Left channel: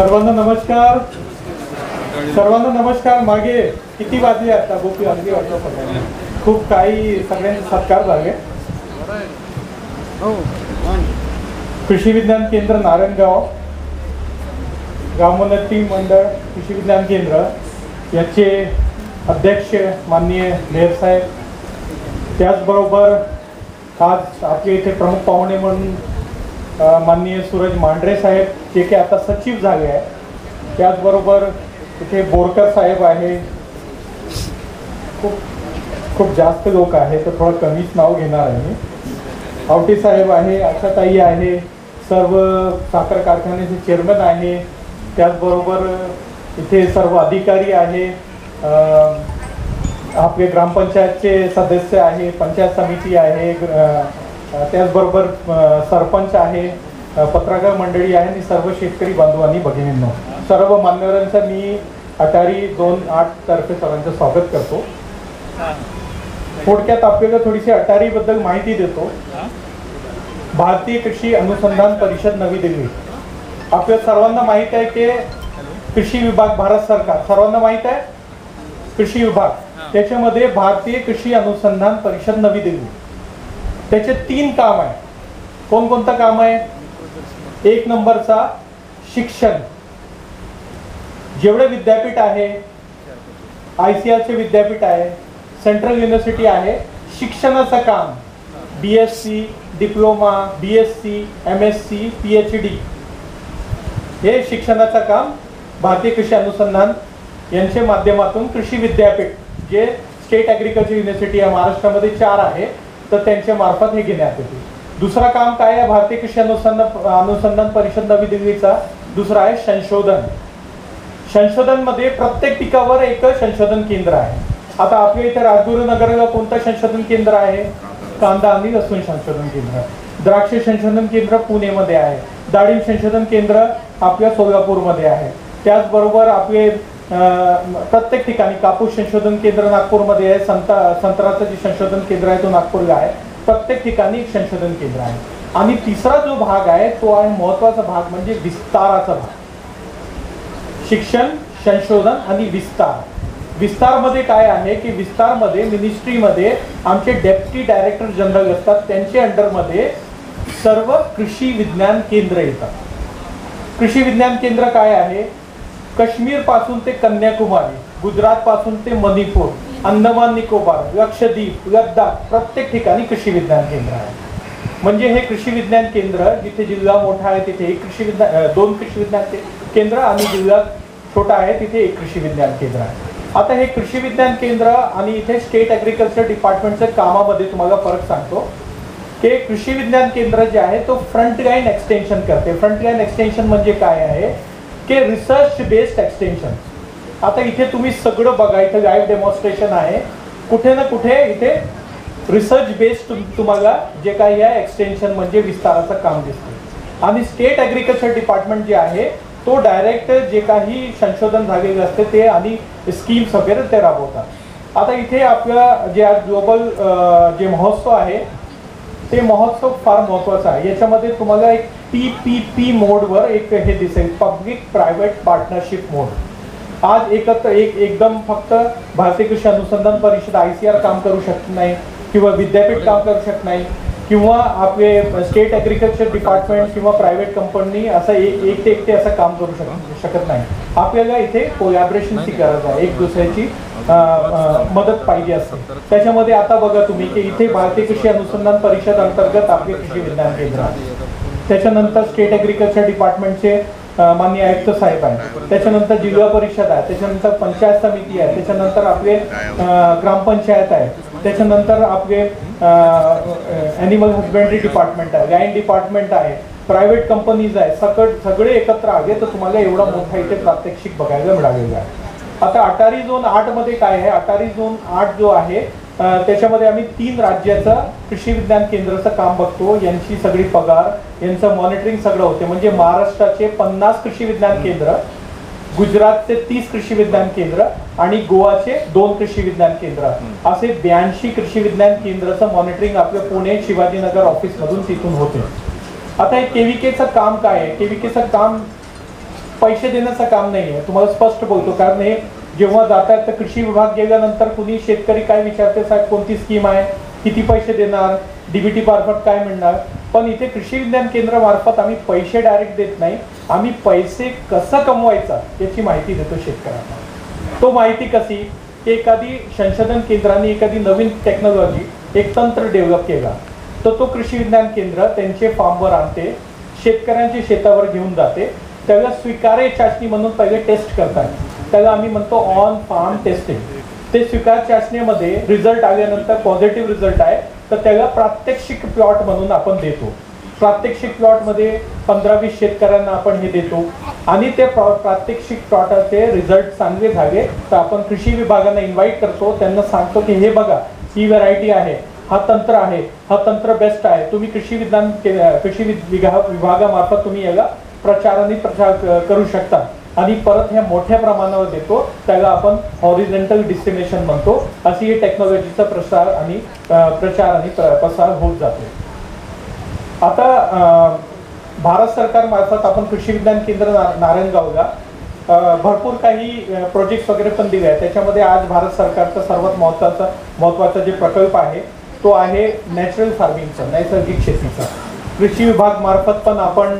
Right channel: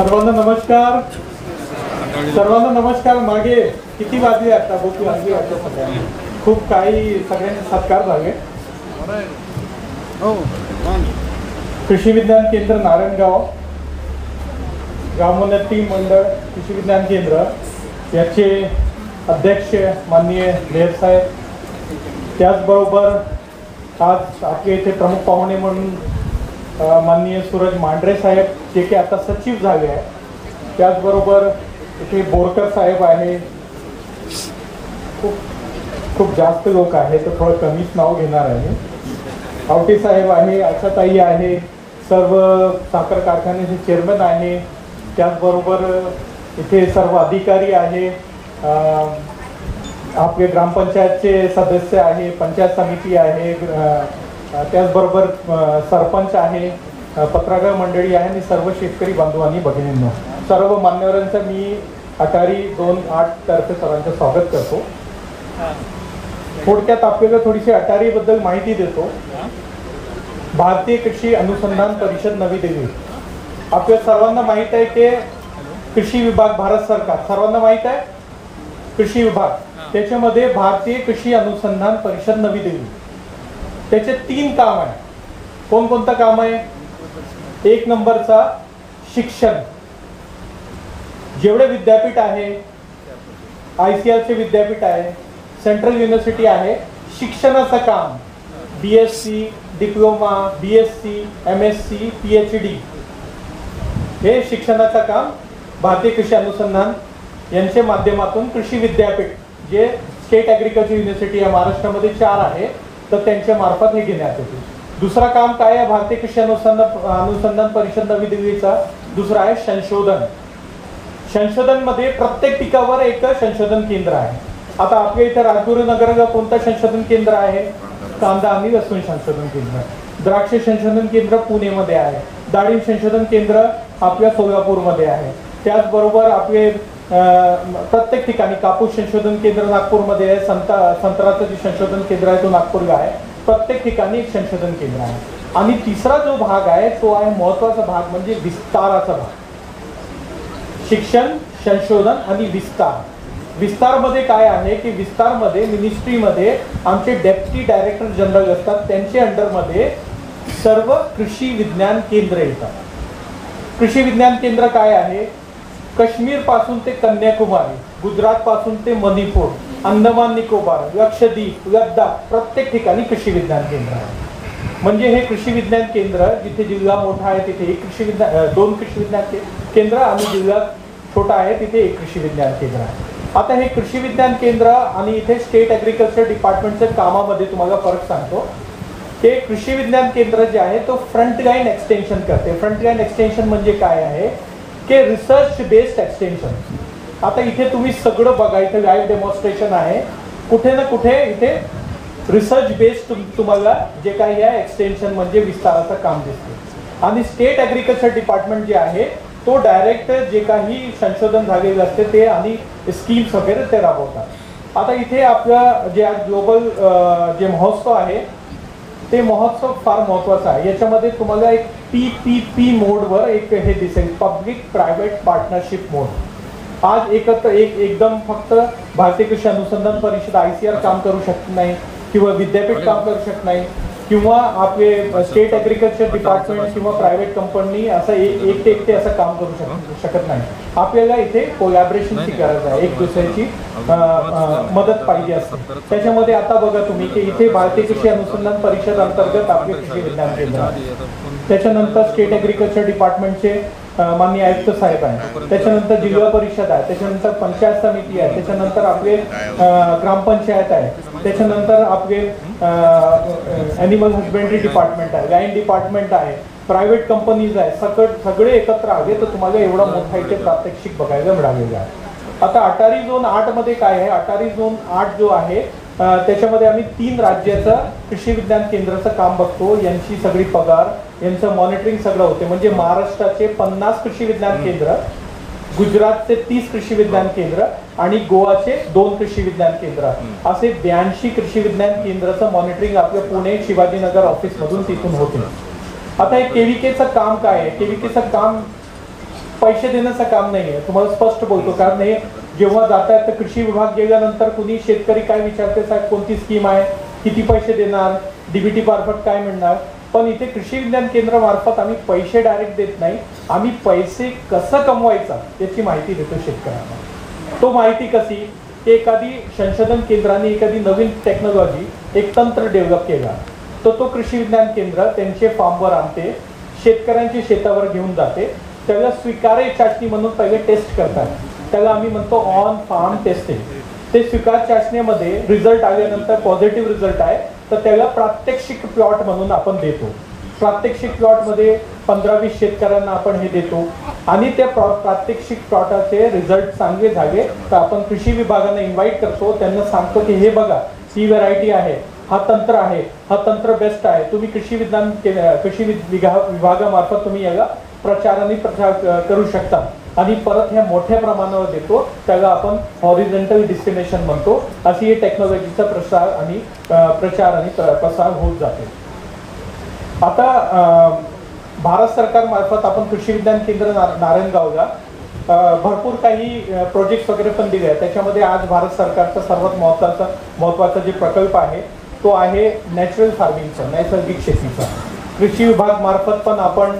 सर्वांना नमस्कार. सर्वांना नमस्कार. मागे किती वाजले आता भूक लागली वाटतं सगळ्यांना. खूप काही सगळ्यांचे सत्कार झाले. कृषी विज्ञान केंद्र नारायणगाव, ग्रामोन्नती मंडळ कृषी विज्ञान केंद्र याचे अध्यक्ष माननीय मेयर साहेब, त्याचबरोबर आज आपले इथे प्रमुख पाहुणे म्हणून माननीय सूरज मांढरे साहेब, जे की आता सचिव झाले आहे. त्याचबरोबर इथे बोरकर साहेब आहे. खूप जास्त लोक आहेत, तर थोडं कमीच नाव घेणार आहे. आवटे साहेब आहे, आशाताई आहे, सर्व साखर कारखान्याचे चेअरमन आहे. त्याचबरोबर इथे सर्व अधिकारी आहे. आपले ग्रामपंचायतचे सदस्य आहे, पंचायत समिती आहे, त्याचबरोबर सरपंच आहे, पत्रकार मंडळी आहे आणि सर्व शेतकरी बांधवांनी भगिनींनो, सर्व मान्यवरांचं मी अटारी 2-8 तर्फे सर्वांचं स्वागत करतो. थोडक्यात आपल्याला थोडीशी अटारी बद्दल माहिती देतो. भारतीय कृषी अनुसंधान परिषद नवी दिल्ली, आपल्या सर्वांना माहित आहे की कृषी विभाग भारत सरकार, सर्वांना माहित आहे कृषी विभाग, त्याच्यामध्ये भारतीय कृषी अनुसंधान परिषद नवी दिल्ली, त्याचे 3 काम आहे. कोणकोणतं काम आहे? 1 नंबरचा शिक्षण. जेवढे विद्यापीठ आहे, ICARचे विद्यापीठ आहे, सेंट्रल युनिव्हर्सिटी आहे, शिक्षणाचं काम, BSc, diploma, BSc, MSc, PhD, हे शिक्षणाचं काम भारतीय कृषी अनुसंधान यांच्या माध्यमातून कृषी विद्यापीठ, जे स्टेट ॲग्रिकल्चर युनिव्हर्सिटी आहे, महाराष्ट्रामध्ये 4 आहे, तर त्यांच्या मार्फत हे घेण्यात येते. दुसरा काम काय आहे भारतीय कृषी अनुसंधान परिषद नवी दिल्लीचा? दुसरा आहे संशोधन. संशोधन मध्ये प्रत्येक पिकावर एक संशोधन केंद्र आहे. आता आपल्या इथे राजगुरुनगरला कोणतं संशोधन केंद्र आहे? कांदा आणि लसूण संशोधन केंद्र. द्राक्ष संशोधन केंद्र पुणेमध्ये आहे. डाळिंब संशोधन केंद्र आपल्या सोलापूरमध्ये आहे. त्याचबरोबर आपले प्रत्येक ठिकाणी कापूस संशोधन केंद्र नागपूरमध्ये आहे. संत्र्याचं जे संशोधन केंद्र आहे तो नागपूरला आहे. प्रत्येक ठिकाणी संशोधन केंद्र आहे. आणि तिसरा जो भाग आहे तो आहे महत्वाचा भाग, म्हणजे विस्ताराचा भाग. शिक्षण, संशोधन आणि विस्तार. विस्तार मध्ये काय आहे की विस्तार मध्ये मिनिस्ट्रीमध्ये आमचे डेप्युटी डायरेक्टर जनरल असतात, त्यांच्या अंडरमध्ये सर्व कृषी विज्ञान केंद्र येतात. कृषी विज्ञान केंद्र काय आहे? काश्मीर पासून ते कन्याकुमारी, गुजरात पासून ते मणिपूर, अंदमान निकोबार, लक्षद्वीप, लद्दाख, प्रत्येक ठिकाणी कृषी विज्ञान केंद्र आहे. म्हणजे हे कृषी विज्ञान केंद्र, जिथे जिल्हा मोठा आहे तिथे 2 कृषी विज्ञान केंद्र आणि जिल्हा छोटा आहे तिथे 1 कृषी विज्ञान केंद्र आहे. आता हे कृषी विज्ञान केंद्र आणि इथे स्टेट ॲग्रिकल्चर डिपार्टमेंटच्या कामामध्ये तुम्हाला फरक सांगतो की कृषी विज्ञान केंद्र जे आहे तो फ्रंट लाईन एक्सटेन्शन करते. फ्रंट लाईन एक्सटेन्शन म्हणजे काय आहे की रिसर्च बेस्ड एक्सटेन्शन. आता इथे तुम्ही सगळं बघा, इथे लाईव्ह डेमॉन्स्ट्रेशन आहे. कुठे ना कुठे इथे रिसर्च बेस्ड तुम्हाला जे काही आहे एक्सटेन्शन म्हणजे विस्ताराचं काम दिसते. आणि स्टेट ॲग्रिकल्चर डिपार्टमेंट जे आहे तो डायरेक्ट जे काही संशोधन झालेलं असते ते आणि स्कीम्स वगैरे ते राबवतात. आता इथे आपलं जे आज ग्लोबल जे महोत्सव आहे ते महोत्सव फार महत्वाचा आहे. याच्यामध्ये तुम्हाला एक PPP मोडवर एक हे दिसेल, पब्लिक प्रायव्हेट पार्टनरशिप मोड. आज एकदम फक्त भारतीय कृषी अनुसंधान परिषद ICAR काम करू शकत नाही, किंवा विद्यापीठ काम करू शकत नाही, किंवा आपले स्टेट ॲग्रिकल्चर डिपार्टमेंट किंवा प्रायव्हेट कंपनी असं एकटे असं काम करू शकत नाही. आपल्याला इथे कोलॅबरेशनची गरज आहे, एक दुसऱ्याची मदत पाहिजे असते. त्याच्यामध्ये आता बघा तुम्ही की इथे भारतीय कृषी अनुसंधान परिषद अंतर्गत आपले कृषी विज्ञान केंद्र आहे. त्याच्यानंतर स्टेट ॲग्रिकल्चर डिपार्टमेंटचे माननीय आयुक्त साहेब आहे. त्याच्यानंतर जिल्हा परिषद आहे. त्याच्यानंतर पंचायत समिती आहे. त्याच्यानंतर आपले ग्रामपंचायत आहे. त्याच्यानंतर आपले ॲनिमल हजबेंड्री डिपार्टमेंट आहे, गाईन डिपार्टमेंट आहे, प्रायव्हेट कंपनीज आहे. सगळे एकत्र आले तर तुम्हाला एवढं मोठा इथे प्रात्यक्षिक बघायला मिळालेलं आहे. आता अटारी झोन 8 मध्ये काय आहे? अटारी झोन 8 जो आहे त्याच्यामध्ये आम्ही 3 राज्याचं कृषी विज्ञान केंद्राचं काम बघतो. यांची सगळी पगार, यांचं मॉनिटरिंग सगळं होते. म्हणजे महाराष्ट्राचे 50 कृषी विज्ञान केंद्र, गुजरातचे 30 कृषी विज्ञान केंद्र आणि गोवाचे 2 कृषी विज्ञान केंद्र, असे 82 कृषी विज्ञान केंद्राचं मॉनिटरिंग आपल्या पुणे शिवाजीनगर ऑफिस मधून तिथून होते. आता हे KVKचं काम काय आहे? KVKचं काम पैसे देण्याचं काम नाही आहे, तुम्हाला स्पष्ट बोलतो. कारण हे जेव्हा जातात तर कृषी विभाग गेल्यानंतर कुणी शेतकरी काय विचारते, साहेब कोणती स्कीम आहे, किती पैसे देणार, डीबीटी मार्फत काय मिळणार. पण इथे कृषी विज्ञान केंद्र मार्फत आम्ही पैसे डायरेक्ट देत नाही, आम्ही पैसे कसं कमवायचा याची माहिती देतो शेतकऱ्यांना. तो माहिती कशी की एखादी संशोधन केंद्राने एखादी नवीन टेक्नॉलॉजी, एक तंत्र डेव्हलप केला तर तो कृषी विज्ञान केंद्र त्यांचे फार्मवर आणते, शेतकऱ्यांच्या शेतावर घेऊन जाते, त्याला स्वीकार्य चाचणी म्हणून पहिले टेस्ट करतात, त्याला आम्ही म्हणतो ऑन फार्म टेस्टिंग. ते स्वीकार चाचणीमध्ये रिझल्ट आल्यानंतर पॉझिटिव्ह रिझल्ट आहे तर त्याला प्रात्यक्षिक प्लॉट म्हणून आपण देतो. प्रात्यक्षिक प्लॉटमध्ये 15-20 शेतकऱ्यांना आपण हे देतो आणि त्या प्रात्यक्षिक प्लॉटाचे रिझल्ट चांगले झाले तर आपण कृषी विभागांना इन्व्हाइट करतो, त्यांना सांगतो की हे बघा ही व्हरायटी आहे, हा तंत्र आहे, हा तंत्र बेस्ट आहे, तुम्ही कृषी विभागामार्फत तुम्ही याला प्रचार करू शकता. आणि परत ह्या मोठ्या प्रमाणावर देतो, त्याला आपण हॉरिझॉन्टल डिस्टिनेशन म्हणतो. अशी हे टेक्नॉलॉजीचा प्रसार आणि प्रसार होत जाते. आता भारत सरकार मार्फत आपण कृषी विज्ञान केंद्र नारायणगावला भरपूर काही प्रोजेक्ट वगैरे पण दिले आहेत. त्याच्यामध्ये आज भारत सरकारचा सर्वात महत्वाचा जे प्रकल्प आहे तो आहे नॅचरल फार्मिंगचा, नैसर्गिक शेतीचा. कृषी विभाग मार्फत पण आपण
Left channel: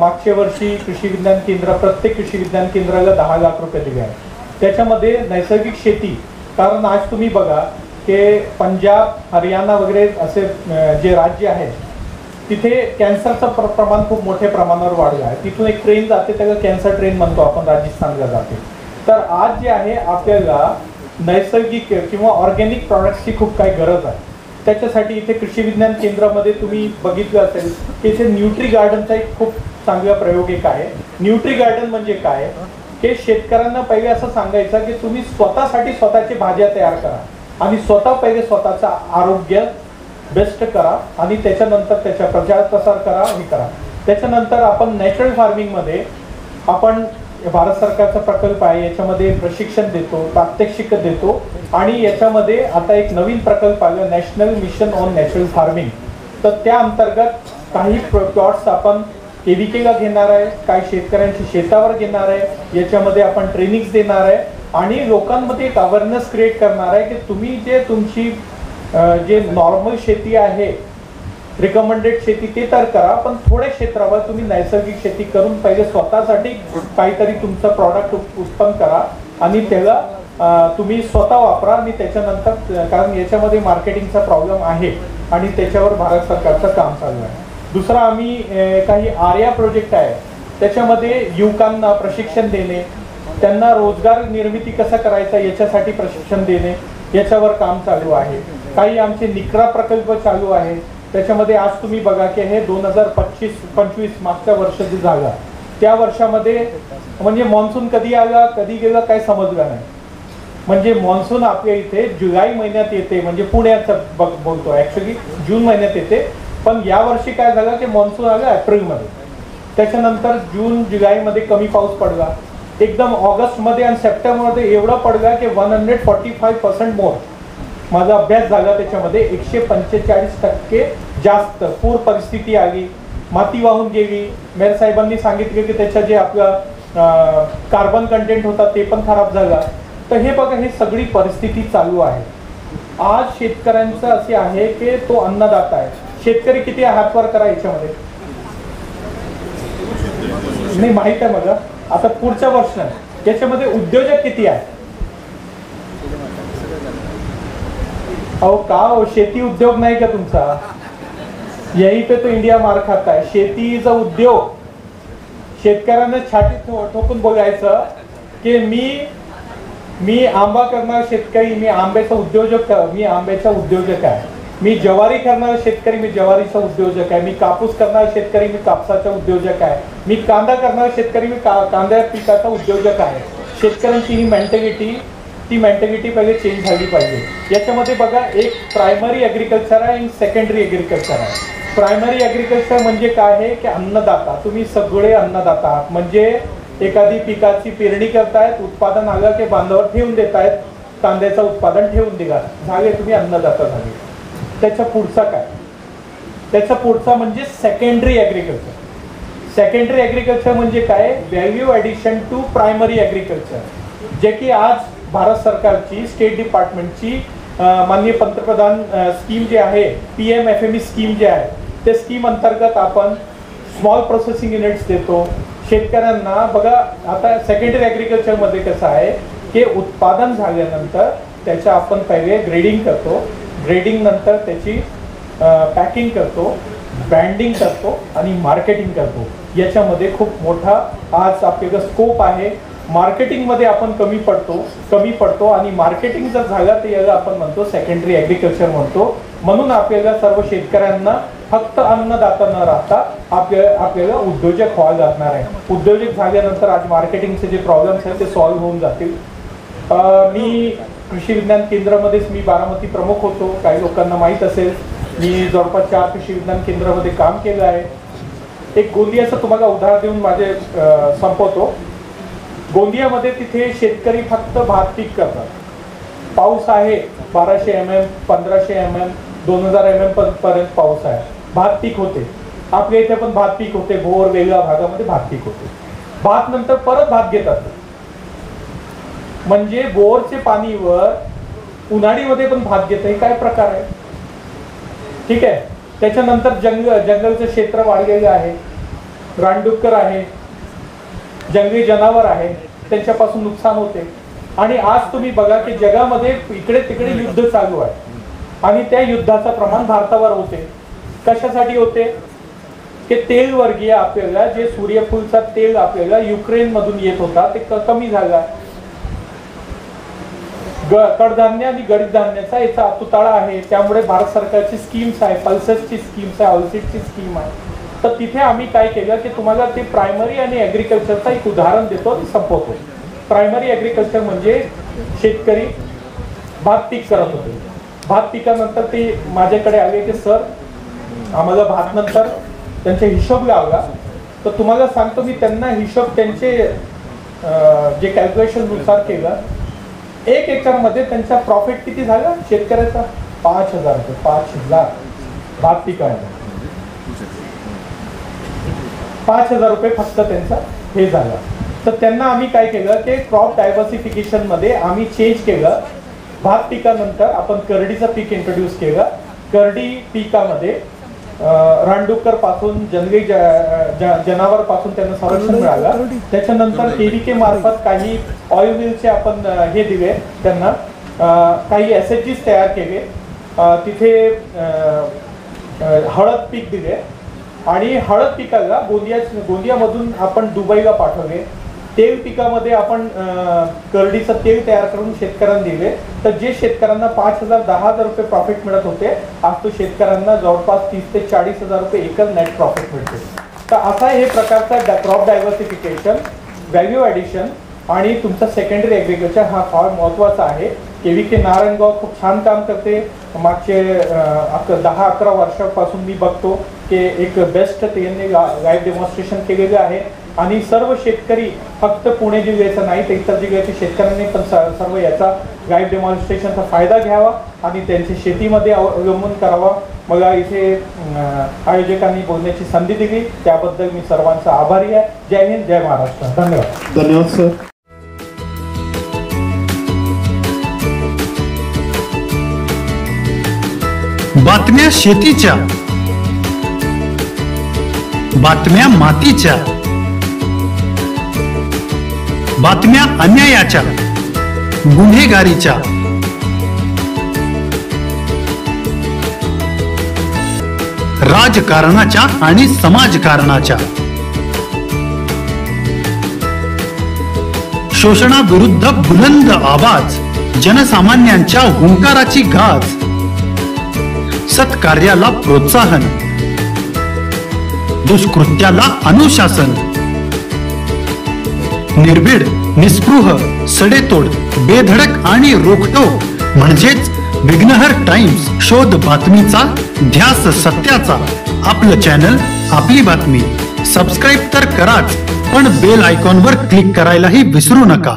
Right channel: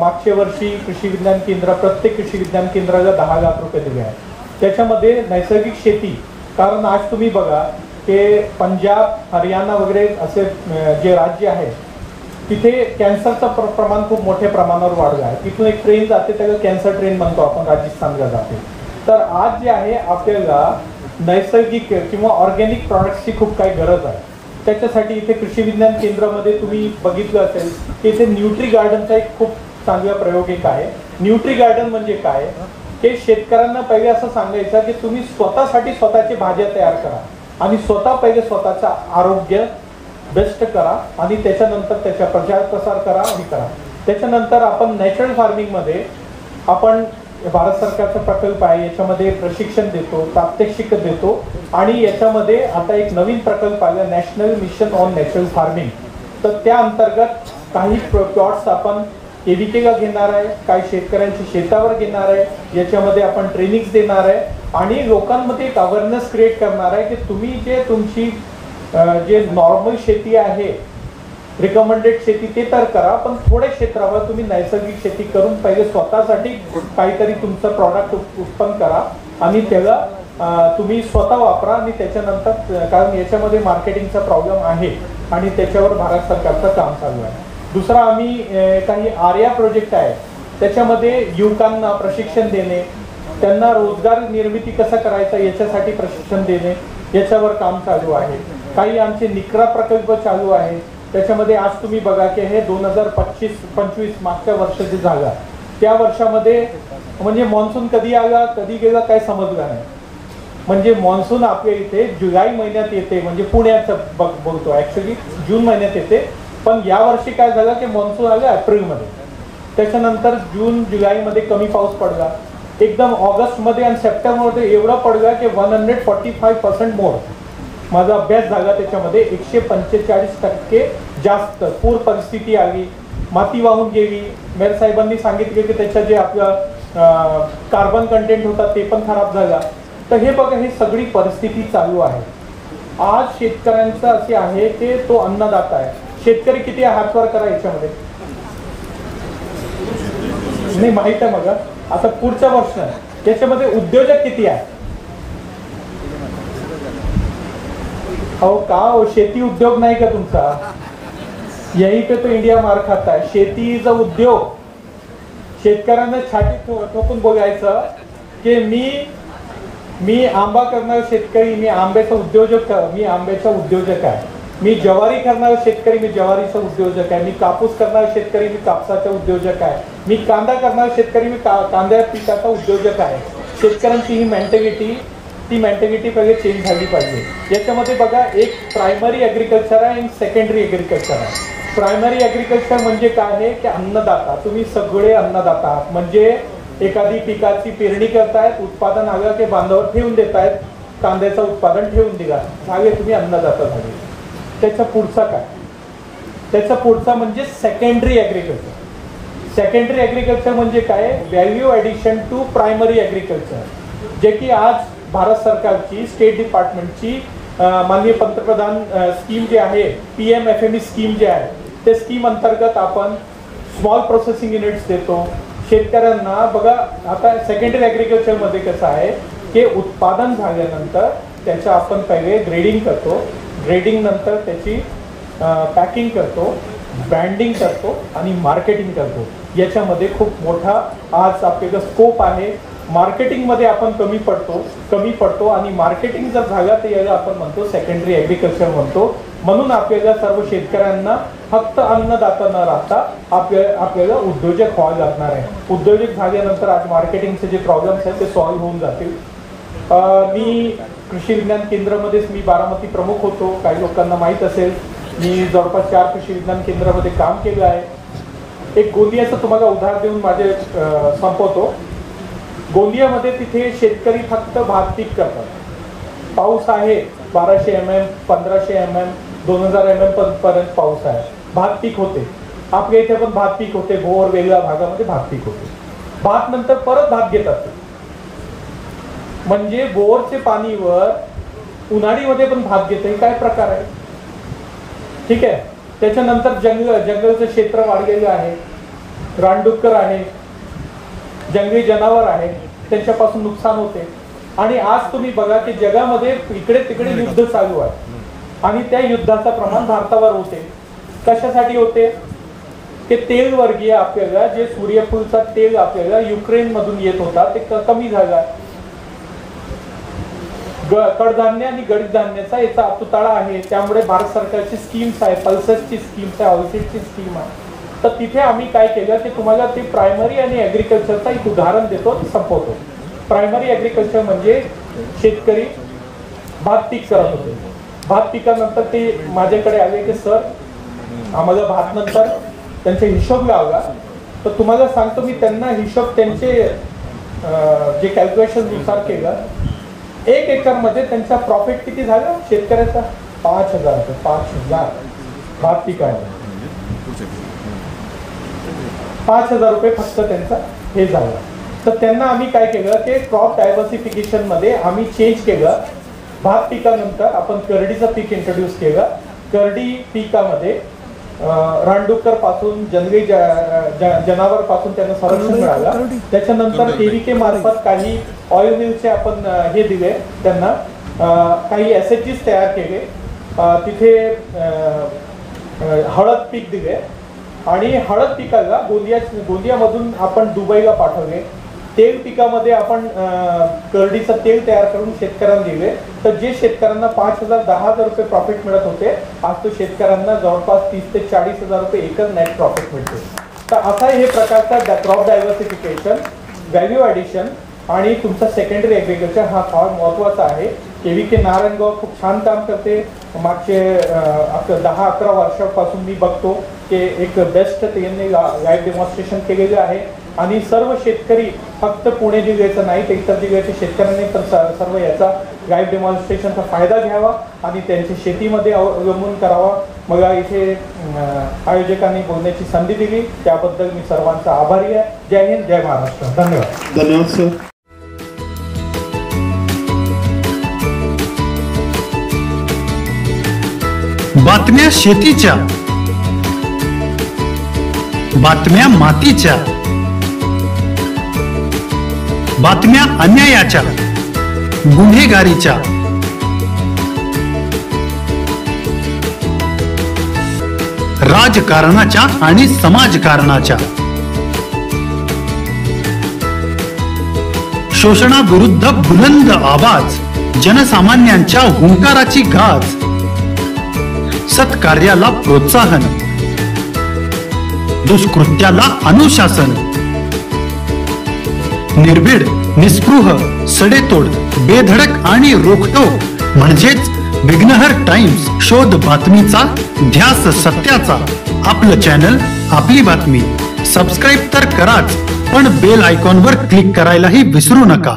मागच्या वर्षी कृषी विज्ञान केंद्र, प्रत्येक कृषी विज्ञान केंद्राला 10 लाख रुपये दिले आहेत. त्याच्यामध्ये नैसर्गिक शेती, कारण आज तुम्ही बघा की पंजाब, हरियाणा वगैरे असे जे राज्य आहेत तिथे कॅन्सरचं प्रमाण खूप मोठ्या प्रमाणावर वाढलं आहे. तिथून एक ट्रेन जाते त्याला कॅन्सर ट्रेन म्हणतो आपण, राजस्थानला जाते. तर आज जे आहे आपल्याला नैसर्गिक किंवा ऑर्गॅनिक प्रॉडक्ट्सची खूप काही गरज आहे. त्याच्यासाठी इथे कृषी विज्ञान केंद्रामध्ये तुम्ही बघितलं असेल की इथे न्यूट्री गार्डनचा एक खूप चांगला प्रयोग एक आहे. न्यूट्री गार्डन म्हणजे काय, हे शेतकऱ्यांना पहिले असं सांगायचं की तुम्ही स्वतःसाठी स्वतःची भाज्या तयार करा आणि स्वतः पहिले स्वतःचं आरोग्य बेस्ट करा आणि त्याच्यानंतर त्याचा प्रचार करा हे करा. त्याच्यानंतर आपण नॅचरल फार्मिंग मध्ये आपण भारत सरकारचा प्रकल्प आहे, याच्यामध्ये प्रशिक्षण देतो, प्रात्यक्षिक देतो आणि याच्यामध्ये आता एक नवीन प्रकल्प आला national mission on natural farming. तर त्या अंतर्गत काही प्लॉट्स आपण केव्हीकेला घेणार आहे, काही शेतकऱ्यांच्या शेतावर घेणार आहे, याच्यामध्ये आपण ट्रेनिंग्स देणार आहे आणि लोकांमध्ये एक अवेअरनेस क्रिएट करणार आहे की तुम्ही जे तुमची जे नॉर्मल शेती आहे, रिकमेंडेड शेती ते तर करा, पण थोड्या क्षेत्रावर तुम्ही नैसर्गिक शेती करून पहिले स्वतःसाठी काहीतरी तुमचं प्रॉडक्ट उत्पन्न करा आणि त्याला तुम्ही स्वतः वापरा आणि त्याच्यानंतर, कारण याच्यामध्ये मार्केटिंगचा प्रॉब्लेम आहे आणि त्याच्यावर भारत सरकारचं काम चालू आहे. दुसरा आम्ही काही आर्या प्रोजेक्ट आहे, त्याच्यामध्ये युवकांना प्रशिक्षण देणे, त्यांना रोजगार निर्मिती कसं करायचा याच्यासाठी प्रशिक्षण देणे, याच्यावर काम चालू आहे. काही आमचे निकरा प्रकल्प चालू आहे, त्याच्यामध्ये आज तुम्ही बघा की हे 2025 मागच्या वर्ष जे झाला त्या वर्षामध्ये म्हणजे मान्सून कधी आला कधी गेला काय समजलं नाही. म्हणजे मान्सून आपल्या इथे जुलै महिन्यात येते, म्हणजे पुण्याचं बोलतो, ऍक्च्युली जून महिन्यात येते, पण या वर्षी काय झालं की मान्सून आलं एप्रिलमध्ये, त्याच्यानंतर जून जुलैमध्ये कमी पाऊस पडला, एकदम ऑगस्टमध्ये आणि सप्टेंबरमध्ये एवढा पडला की 145% मोर. माझा अभ्यास झाला त्याच्यामध्ये 145% जास्त पूर परिस्थिती आली, माती वाहून गेली. मेयर साहेबांनी सांगितले की त्याच्या जे आपलं कार्बन कंटेंट होता ते पण खराब झाला. तर हे बघा, हे सगळी परिस्थिती चालू आहे. आज शेतकऱ्यांचं असे आहे की तो अन्नदाता आहे. शेतकरी किती हातवर करा याच्यामध्ये नाही माहित आहे मला. आता पुढच्या वर्ष याच्यामध्ये उद्योजक किती आहे? अहो का हो, शेती उद्योग नाही का तुमचा? यही पे तो इंडिया मार खाता है. शेतीचा उद्योग, शेतकऱ्यांना छाती ठोकून बोलायचं की मी आंबा करणारा शेतकरी, मी आंब्याचा उद्योजक, मी आंब्याचा उद्योजक आहे. मी ज्वारी करणारा शेतकरी, मी ज्वारीचा उद्योजक आहे. मी कापूस करणारा शेतकरी, मी कापसाचा उद्योजक आहे. मी कांदा करणारा शेतकरी, मी कांद्या पिकाचा उद्योजक आहे. शेतकऱ्यांची ही मेंटॅलिटी पहिले चेंज झाली पाहिजे. याच्यामध्ये बघा, एक प्रायमरी ॲग्रिकल्चर आहे आणि सेकंडरी ॲग्रिकल्चर आहे. प्रायमरी ॲग्रिकल्चर म्हणजे काय आहे की अन्नदाता, तुम्ही सगळे अन्नदाता आहात. म्हणजे एखादी पिकाची पेरणी करतायत, उत्पादन आलं की बांधावर ठेवून देतायत, कांद्याचं उत्पादन ठेवून दिला, झाले तुम्ही अन्नदाता झाले. त्याच्या पुढचा काय? त्याच्या पुढचा म्हणजे सेकंडरी ॲग्रिकल्चर. सेकंडरी ॲग्रिकल्चर म्हणजे काय? Value addition to primary agriculture, जे की आज भारत सरकारची स्टेट डिपार्टमेंटची माननीय पंतप्रधान स्कीम जे आहे PMFME स्कीम जे आहे, ते स्कीम अंतर्गत आपण स्मॉल प्रोसेसिंग युनिट्स देतो शेतकऱ्यांना. बघा आता सेकंडरी ॲग्रिकल्चरमध्ये कसं आहे की उत्पादन झाल्यानंतर त्याच्या आपण पहिले ग्रेडिंग करतो, ग्रेडिंग नंतर त्याची पॅकिंग करतो, ब्रँडिंग करतो आणि मार्केटिंग करतो. याच्यामध्ये खूप मोठा आज आपल्याला स्कोप आहे. मार्केटिंगमध्ये आपण कमी पडतो आणि मार्केटिंग जर झालं तर याला आपण म्हणतो सेकंडरी ॲग्रिकल्चर म्हणतो. म्हणून आपल्याला सर्व शेतकऱ्यांना फक्त अन्नदाता न राहता आपल्याला उद्योजक व्हावं लागणार आहे. उद्योजक झाल्यानंतर आज मार्केटिंगचे जे प्रॉब्लेम्स आहेत ते सॉल्व्ह होऊन जातील. मी कृषी विज्ञान केंद्रामध्येच मी बारामती प्रमुख होतो. काही लोकांना माहीत असेल मी जवळपास 4 कृषी विज्ञान केंद्रामध्ये काम केलं आहे. एक गोंदियाचं तुम्हाला उदाहरण देऊन माझे संपवतो. गोंदियामध्ये तिथे शेतकरी फक्त भात पीक करतात. पाऊस आहे 1200 mm, 1500 mm, 2000 mm पर्यंत पाऊस आहे. भात पीक होते. आपल्या इथे पण भात पीक होते. भोर वेगळ्या भागामध्ये भात पीक होते. भात नंतर परत भात घेतात. म्हणजे बोरचे पाणीवर उन्हाळीमध्ये पण भात घेतं. हे काय प्रकार आहे? ठीक आहे. त्याच्यानंतर जंगलचं क्षेत्र वाढलेलं आहे. रानडुक्कर आहे, जंगली जनावर आहे, त्यांच्यापासून नुकसान होते. आणि आज तुम्ही बघा की जगामध्ये इकडे तिकडे युद्ध चालू आहे आणि त्या युद्धाचं प्रमाण भारतावर होते. कशासाठी होते? की तेल वर्गीय आपल्याला जे सूर्यफूलचा तेल आपल्याला युक्रेन मधून येत होता ते कमी झाला. कडधान्य आणि गडीत धान्याचा याचा अतुताळा आहे. त्यामुळे भारत सरकारची स्कीम्स आहे, पल्सेसची स्कीम्स आहे, ऑलसीडची स्कीम आहे. तर तिथे आम्ही काय केलं की तुम्हाला ते प्रायमरी आणि ॲग्रिकल्चरचा एक उदाहरण देतो, संपवतो. प्रायमरी ॲग्रिकल्चर म्हणजे शेतकरी भात पीक करत होते. भात पिकानंतर ते माझ्याकडे आले की सर आम्हाला भात नंतर त्यांचा हिशोब लावला. तर तुम्हाला सांगतो मी त्यांना हिशोब त्यांचे जे कॅल्क्युलेशन नुसार केलं. 1 एकरमध्ये त्यांचा प्रॉफिट किती झाला शेतकऱ्याचा? 5,000 रुपये. 5 लाख भात पिकायला 5,000 रुपये फक्त त्यांचा हे झाला. तर त्यांना आम्ही काय केलं की क्रॉप डायव्हर्सिफिकेशन मध्ये आम्ही चेंज केलं. भात पिकानंतर आपण करडीचं पीक इंट्रोड्यूस केलं. करडी पिकामध्ये रानडुक्कर पासून जंगली जनावर पासून त्यांना संरक्षण मिळालं. त्याच्यानंतर KVK मार्फत काही ऑइल मिलचे आपण हे दिले त्यांना. काही SHGs तयार केले. तिथे हळद पीक दिले आणि हळद पिकाला गोंदियामधून आपण दुबईला पाठवले. तेल पिकामध्ये आपण करडीचं तेल तयार करून शेतकऱ्यांना दिले. तर जे शेतकऱ्यांना 5,000 10,000 रुपये प्रॉफिट मिळत होते आज तो शेतकऱ्यांना जवळपास 30,000 ते 40,000 रुपये एकर नेट प्रॉफिट मिळते. तर असा हे प्रकारचा क्रॉप डायव्हर्सिफिकेशन, व्हॅल्यू ॲडिशन आणि तुमचा सेकंडरी ॲग्रिकल्चर हा फार महत्त्वाचा आहे. KVK नारायणगाव खूप छान काम करते. मागचे 10-11 वर्षापासून मी बघतो की एक बेस्ट त्यांनी लाईव्ह डेमॉन्स्ट्रेशन केलेलं आहे. आणि सर्व शेतकरी फक्त पुणे जिल्ह्याचा नाही तर इतर जिल्ह्याच्या शेतकऱ्यांनी पण सर्व याचा लाईव्ह डेमॉन्स्ट्रेशनचा फायदा घ्यावा आणि त्यांची शेतीमध्ये अवलंबून करावा. मला इथे आयोजकांनी बोलण्याची संधी दिली त्याबद्दल मी सर्वांचा आभारी आहे. जय हिंद, जय महाराष्ट्र. धन्यवाद. धन्यवाद सर. बातम्या शेतीच्या, बातम्या मातीच्या, बातम्या अन्यायाच्या, गुन्हेगारीच्या, राजकारणाच्या आणि समाजकारणाच्या, शोषणाविरुद्ध बुलंद आवाज, जनसामान्यांच्या हुंकाराची गाज, सत्कार्याला प्रोत्साहन, दुष्कृत्याला अनुशासन, निर्भीड, निस्पृह, सडेतोड, बेधडक आणि रोखटोक म्हणजेच विघ्नहर टाइम्स. शोध बातमीचा, ध्यास सत्याचा. आपलं चॅनल, आपली बातमी. सबस्क्राईब तर कराच, पण बेल आयकॉनवर क्लिक करायलाही विसरू नका.